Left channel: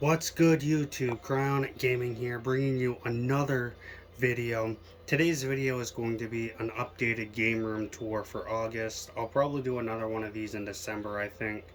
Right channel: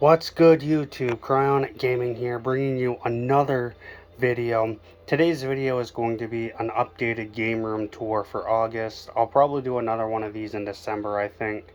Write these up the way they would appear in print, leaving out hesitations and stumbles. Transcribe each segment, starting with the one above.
What's good, YouTube? Cryonic Gaming here, bringing you another video. Today's video is going to be an updated game room tour for August. I'll probably do another one of these in December, I think.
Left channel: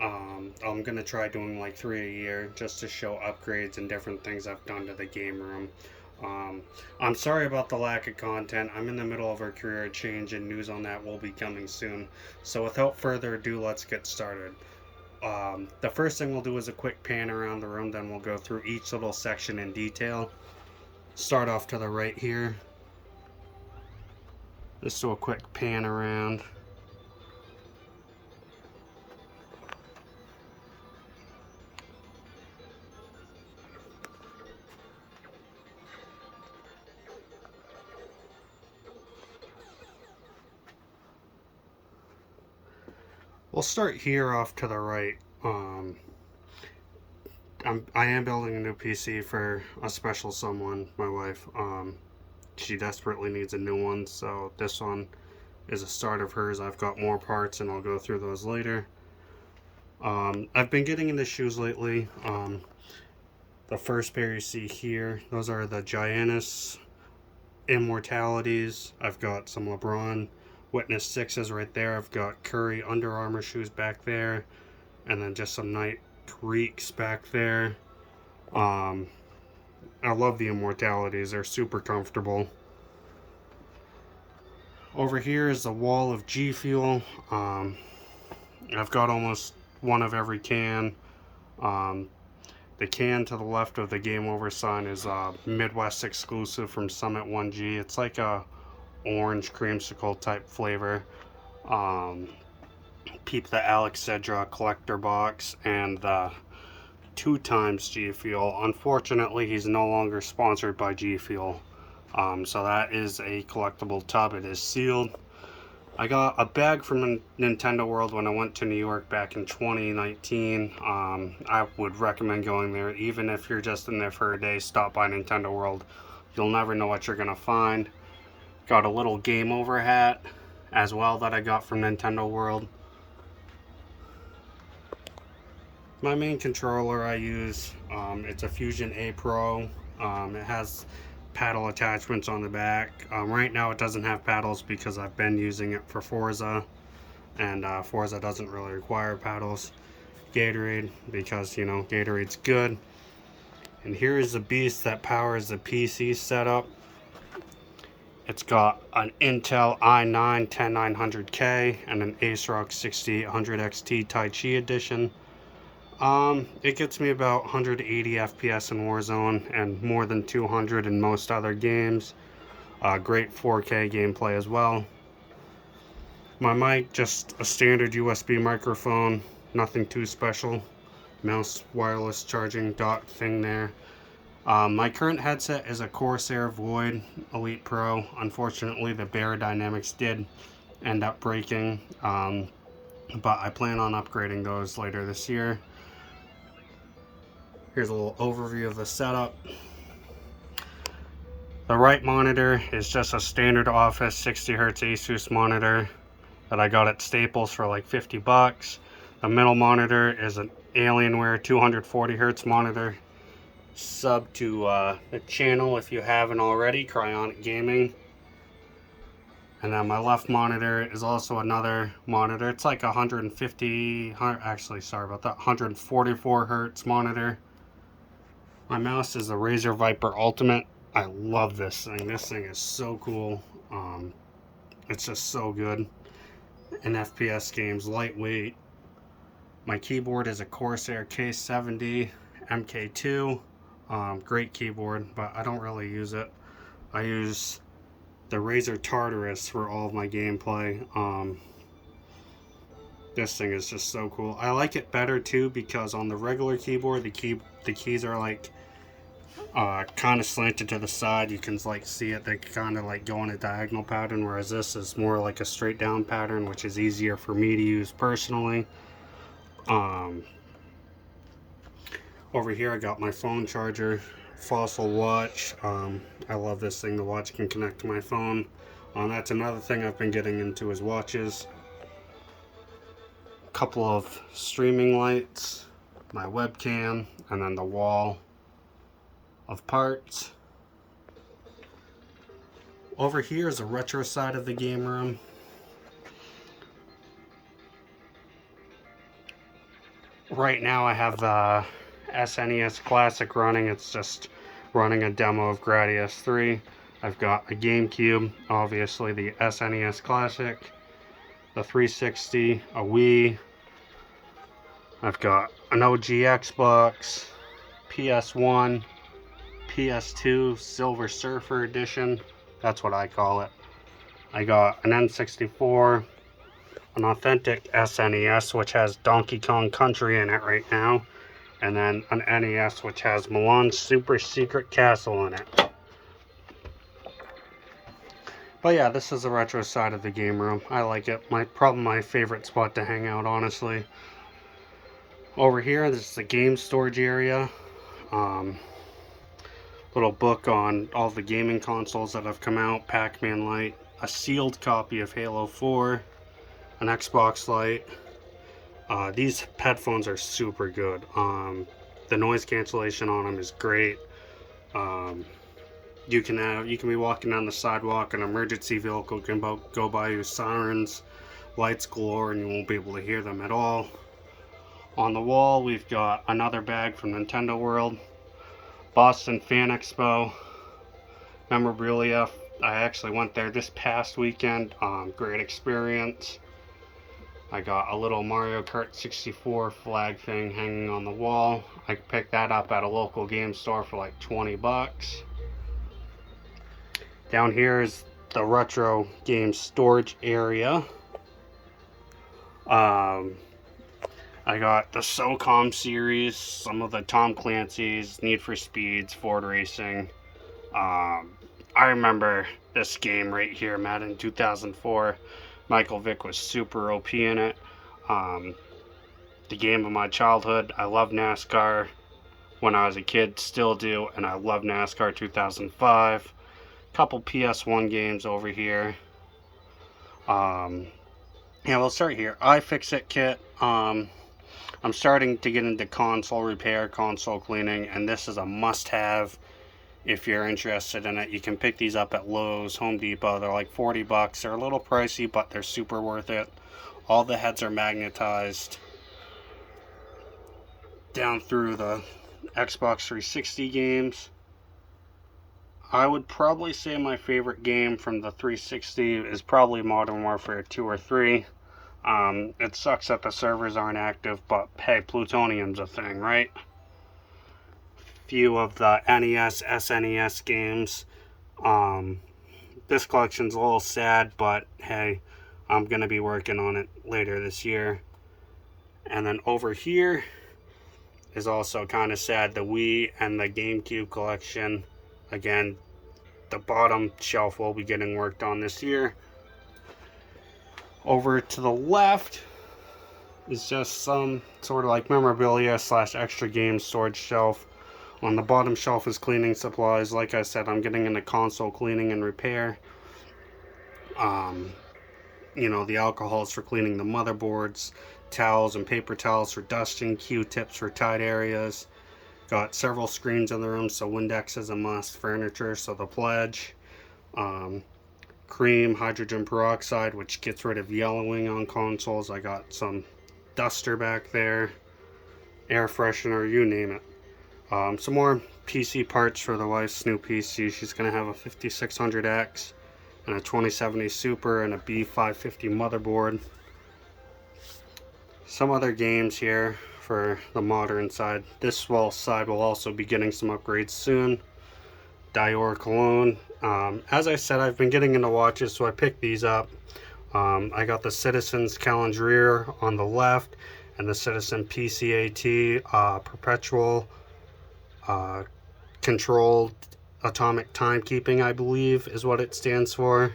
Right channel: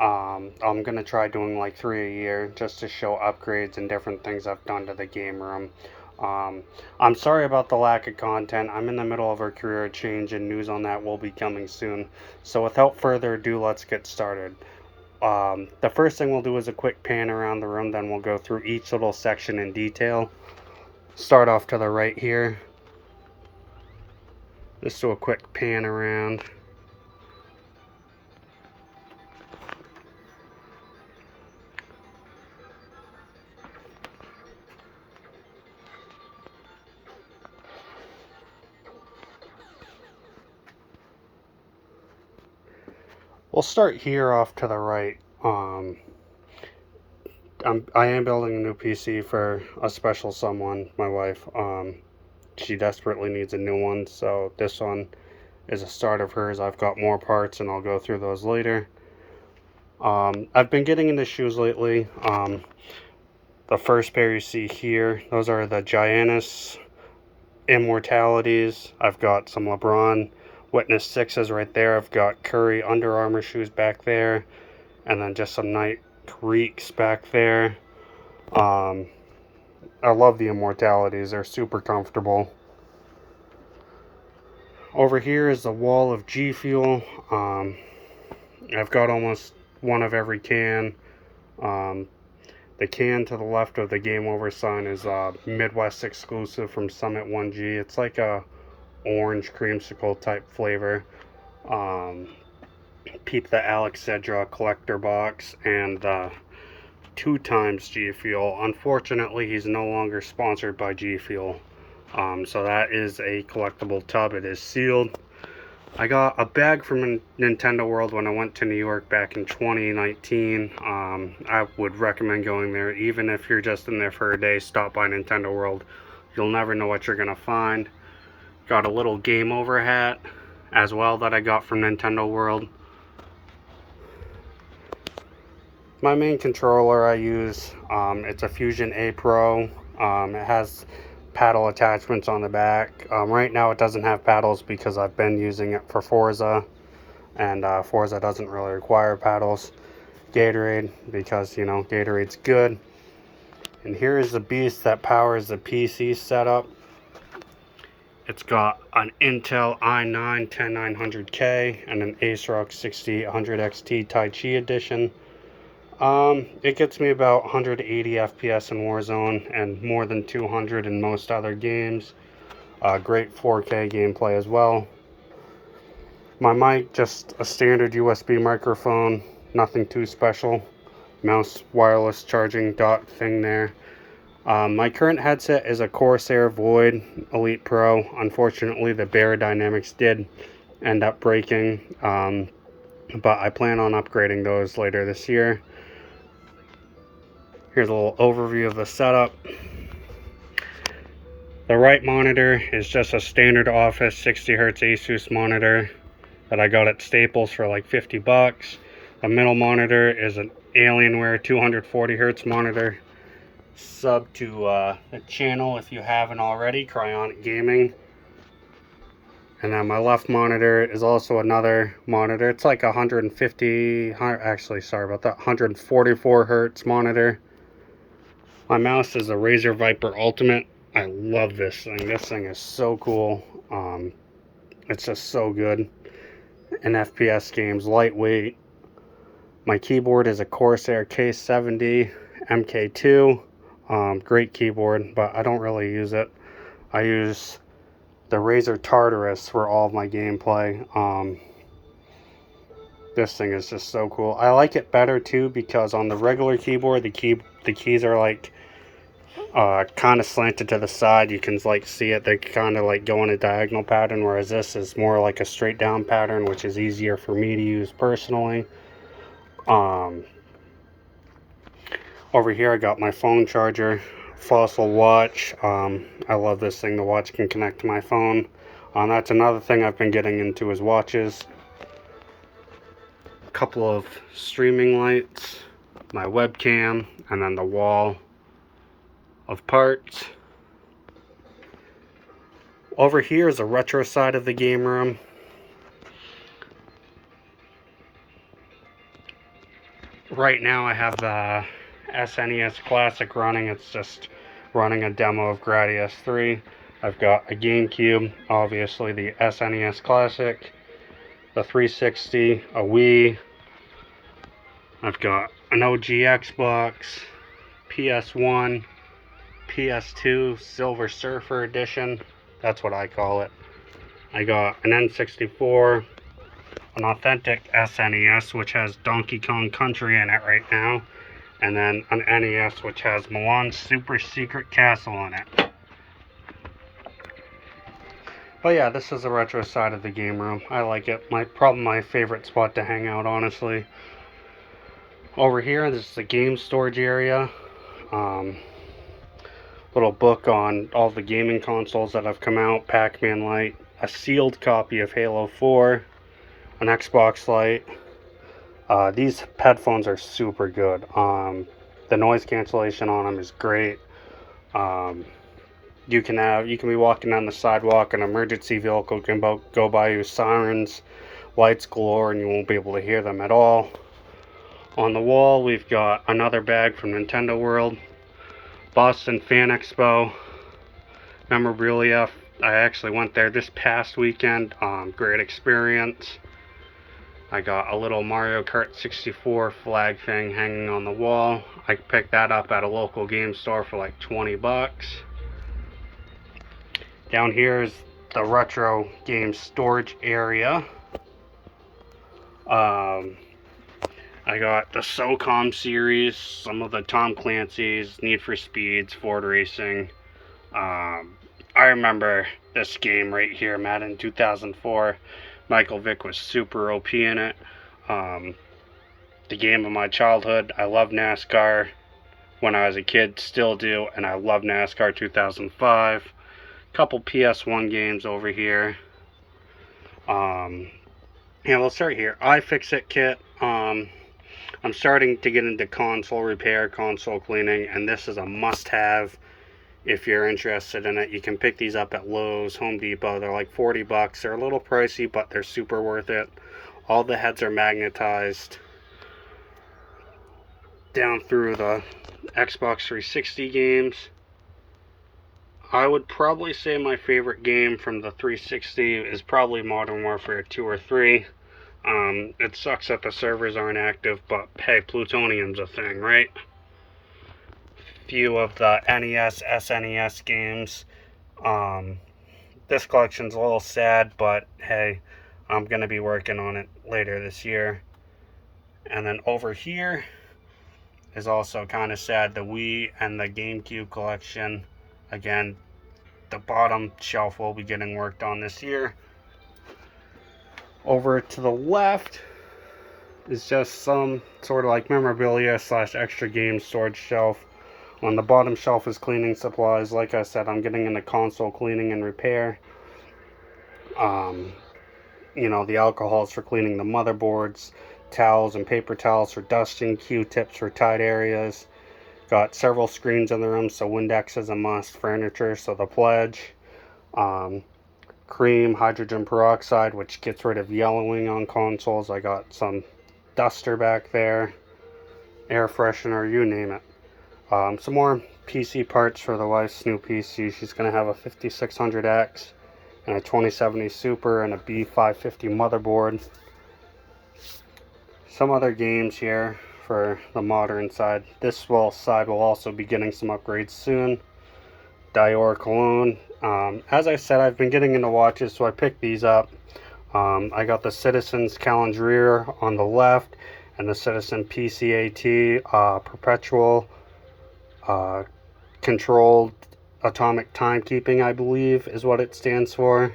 I'm gonna try doing like 3 a year just to show upgrades and different things I've done to the game room. I'm sorry about the lack of content. I'm in the middle of a career change and news on that will be coming soon. So without further ado, let's get started. The first thing we'll do is a quick pan around the room, then we'll go through each little section in detail. Start off to the right here. Just do a quick pan around. We'll start here off to the right. I am building a new PC for a special someone, my wife. She desperately needs a new one, so this one is a start of hers. I've got more parts and I'll go through those later. I've been getting into shoes lately. The first pair you see here, those are the Giannis Immortalities. I've got some LeBron Witness 6s right there. I've got Curry Under Armour shoes back there, and then just some Nike Reeks back there. I love the Immortalities. They're super comfortable. Over here is a wall of G Fuel. I've got almost one of every can. The can to the left of the Game Over sign is a Midwest exclusive from Summit 1G. It's like a orange creamsicle type flavor. Peep the Alex Cedra collector box and the 2x G Fuel. Unfortunately, he's no longer sponsored by G Fuel. So that is a collectible tub. It is sealed. I got a bag from Nintendo World when I went to New York back in 2019. I would recommend going there. Even if you're just in there for a day, stop by Nintendo World. You'll never know what you're going to find. Got a little Game Over hat as well that I got from Nintendo World. My main controller I use, it's a Fusion A Pro. It has paddle attachments on the back. Right now it doesn't have paddles because I've been using it for Forza, and Forza doesn't really require paddles. Gatorade, because you know Gatorade's good. And here is the beast that powers the PC setup. It's got an Intel i9 10900K and an ASRock 6800 XT Tai Chi edition. It gets me about 180 FPS in Warzone and more than 200 in most other games. Great 4K gameplay as well. My mic, just a standard USB microphone, nothing too special. Mouse wireless charging dock thing there. My current headset is a Corsair Void Elite Pro. Unfortunately, the Bear Dynamics did end up breaking, but I plan on upgrading those later this year. Here's a little overview of the setup. The right monitor is just a standard office 60Hz Asus monitor that I got at Staples for like 50 bucks. The middle monitor is an Alienware 240Hz monitor. Sub to the channel if you haven't already, Cryonic Gaming. And then my left monitor is also another monitor. It's like 144 Hertz monitor. My mouse is a Razer Viper Ultimate. I love this thing. This thing is so cool. It's just so good in FPS games, lightweight. My keyboard is a Corsair K70 MK2. Great keyboard, but I don't really use it. I use the Razer Tartarus for all of my gameplay. This thing is just so cool. I like it better too because on the regular keyboard, the keys are like kind of slanted to the side. You can like see it. They kind of like go in a diagonal pattern, whereas this is more like a straight down pattern, which is easier for me to use personally. Over here I got my phone charger, Fossil watch. I love this thing. The watch can connect to my phone. That's another thing I've been getting into is watches. A couple of streaming lights. my webcam, and then the wall of parts. Over here is a retro side of the game room. Right now I have the SNES Classic running. It's just running a demo of Gradius 3. I've got a GameCube, obviously the SNES Classic, the 360, a Wii. I've got an OG Xbox, PS1, PS2, Silver Surfer Edition. That's what I call it. I got an N64, an authentic SNES, which has Donkey Kong Country in it right now, and then an NES, which has Milan's Super Secret Castle in it. But yeah, this is the retro side of the game room. I like it. Probably my favorite spot to hang out, honestly. Over here, this is the game storage area. Little book on all the gaming consoles that have come out. Pac-Man Lite, a sealed copy of Halo 4, an Xbox Lite. These headphones are super good. The noise cancellation on them is great. You can be walking down the sidewalk, an emergency vehicle can go by you, sirens, lights galore, and you won't be able to hear them at all. On the wall, we've got another bag from Nintendo World, Boston Fan Expo, memorabilia. I actually went there this past weekend. Great experience. I got a little Mario Kart 64 flag thing hanging on the wall. I picked that up at a local game store for like 20 bucks. Down here is the retro game storage area. I got the SOCOM series, some of the Tom Clancy's, Need for Speeds, Ford Racing. I remember this game right here, Madden 2004. Michael Vick was super OP in it. The game of my childhood. I love NASCAR when I was a kid, still do, and I love NASCAR 2005. Couple PS1 games over here. Yeah, we'll start here. iFixit kit. I'm starting to get into console repair, console cleaning, and this is a must-have if you're interested in it. You can pick these up at Lowe's, Home Depot. They're like 40 bucks. They're a little pricey, but they're super worth it. All the heads are magnetized down through the Xbox 360 games. I would probably say my favorite game from the 360 is probably Modern Warfare 2 or 3. It sucks that the servers aren't active, but hey, plutonium's a thing, right? Few of the NES, SNES games. This collection's a little sad, but hey, I'm going to be working on it later this year. And then over here is also kind of sad, the Wii and the GameCube collection. Again, the bottom shelf will be getting worked on this year. Over to the left is just some sort of like memorabilia / extra game storage shelf. On the bottom shelf is cleaning supplies. Like I said, I'm getting into console cleaning and repair. You know, the alcohols for cleaning the motherboards, towels and paper towels for dusting, Q-tips for tight areas. Got several screens in the room, so Windex is a must. Furniture, so the Pledge. Cream, hydrogen peroxide, which gets rid of yellowing on consoles. I got some duster back there. Air freshener, you name it. Some more PC parts for the wife's new PC. She's going to have a 5600X and a 2070 Super and a B550 motherboard. Some other games here for the modern side. This side will also be getting some upgrades soon. Dior Cologne. As I said, I've been getting into watches, so I picked these up. I got the Citizen's Calendrier on the left and the Citizen PCAT Perpetual Controlled Atomic Timekeeping, I believe is what it stands for.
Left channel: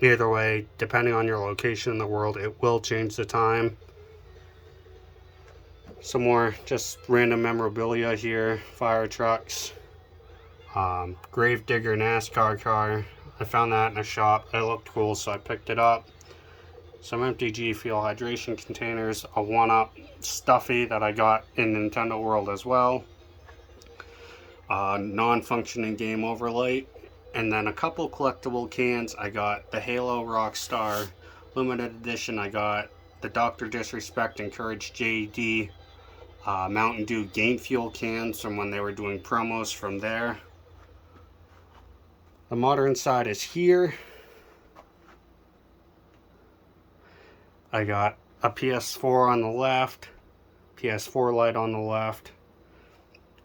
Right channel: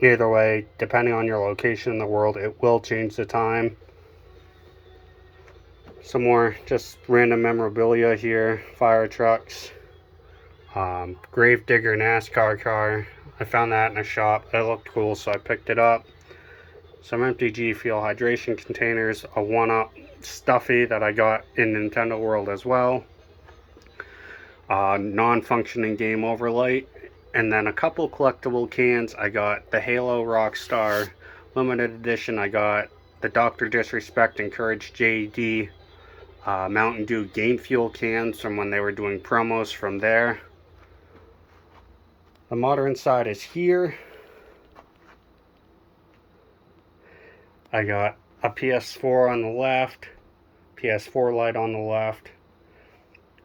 Either way, depending on your location in the world, it will change the time. Some more just random memorabilia here. Fire trucks. Gravedigger NASCAR car. I found that in a shop. It looked cool, so I picked it up. Some empty G Fuel hydration containers. A 1-Up stuffy that I got in Nintendo World as well. Non-functioning game overlight, and then a couple collectible cans. I got the Halo Rockstar limited edition. I got the Dr. Disrespect and Courage JD Mountain Dew Game Fuel cans from when they were doing promos from there. The modern side is here. I got a PS4 on the left, PS4 light on the left,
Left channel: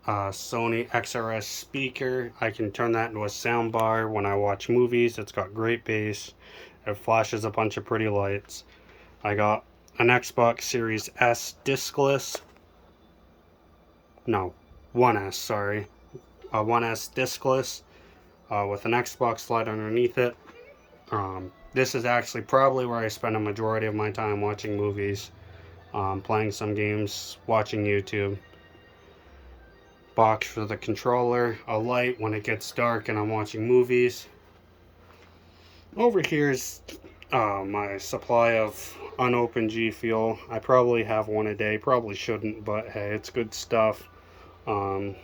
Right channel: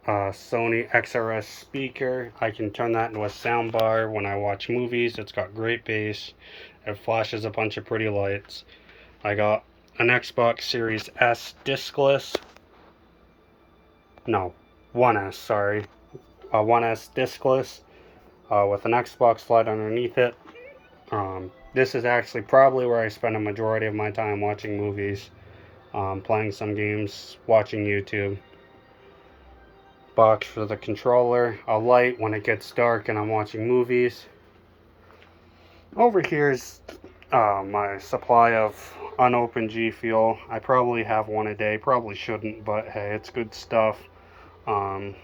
Sony XRS speaker. I can turn that into a sound bar when I watch movies. It's got great bass. It flashes a bunch of pretty lights. I got an Xbox Series S discless. No, 1S, sorry. 1S discless with an Xbox light underneath it. This is actually probably where I spend a majority of my time watching movies, playing some games, watching YouTube. Box for the controller, a light when it gets dark and I'm watching movies. Over here is my supply of unopened G Fuel. I probably have one a day, probably shouldn't, but hey, it's good stuff. Like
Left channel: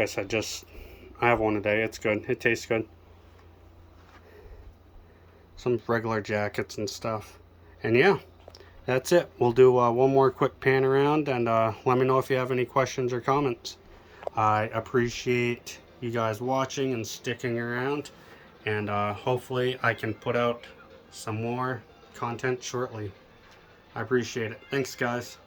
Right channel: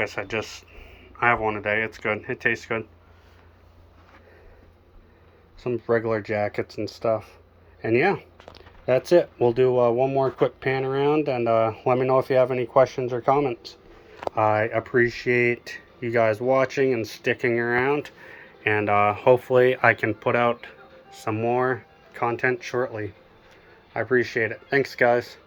I said, I have one a day. It's good. It tastes good. Some regular jackets and stuff. And yeah, that's it. We'll do one more quick pan around, and let me know if you have any questions or comments. I appreciate you guys watching and sticking around, and hopefully I can put out some more content shortly. I appreciate it. Thanks, guys.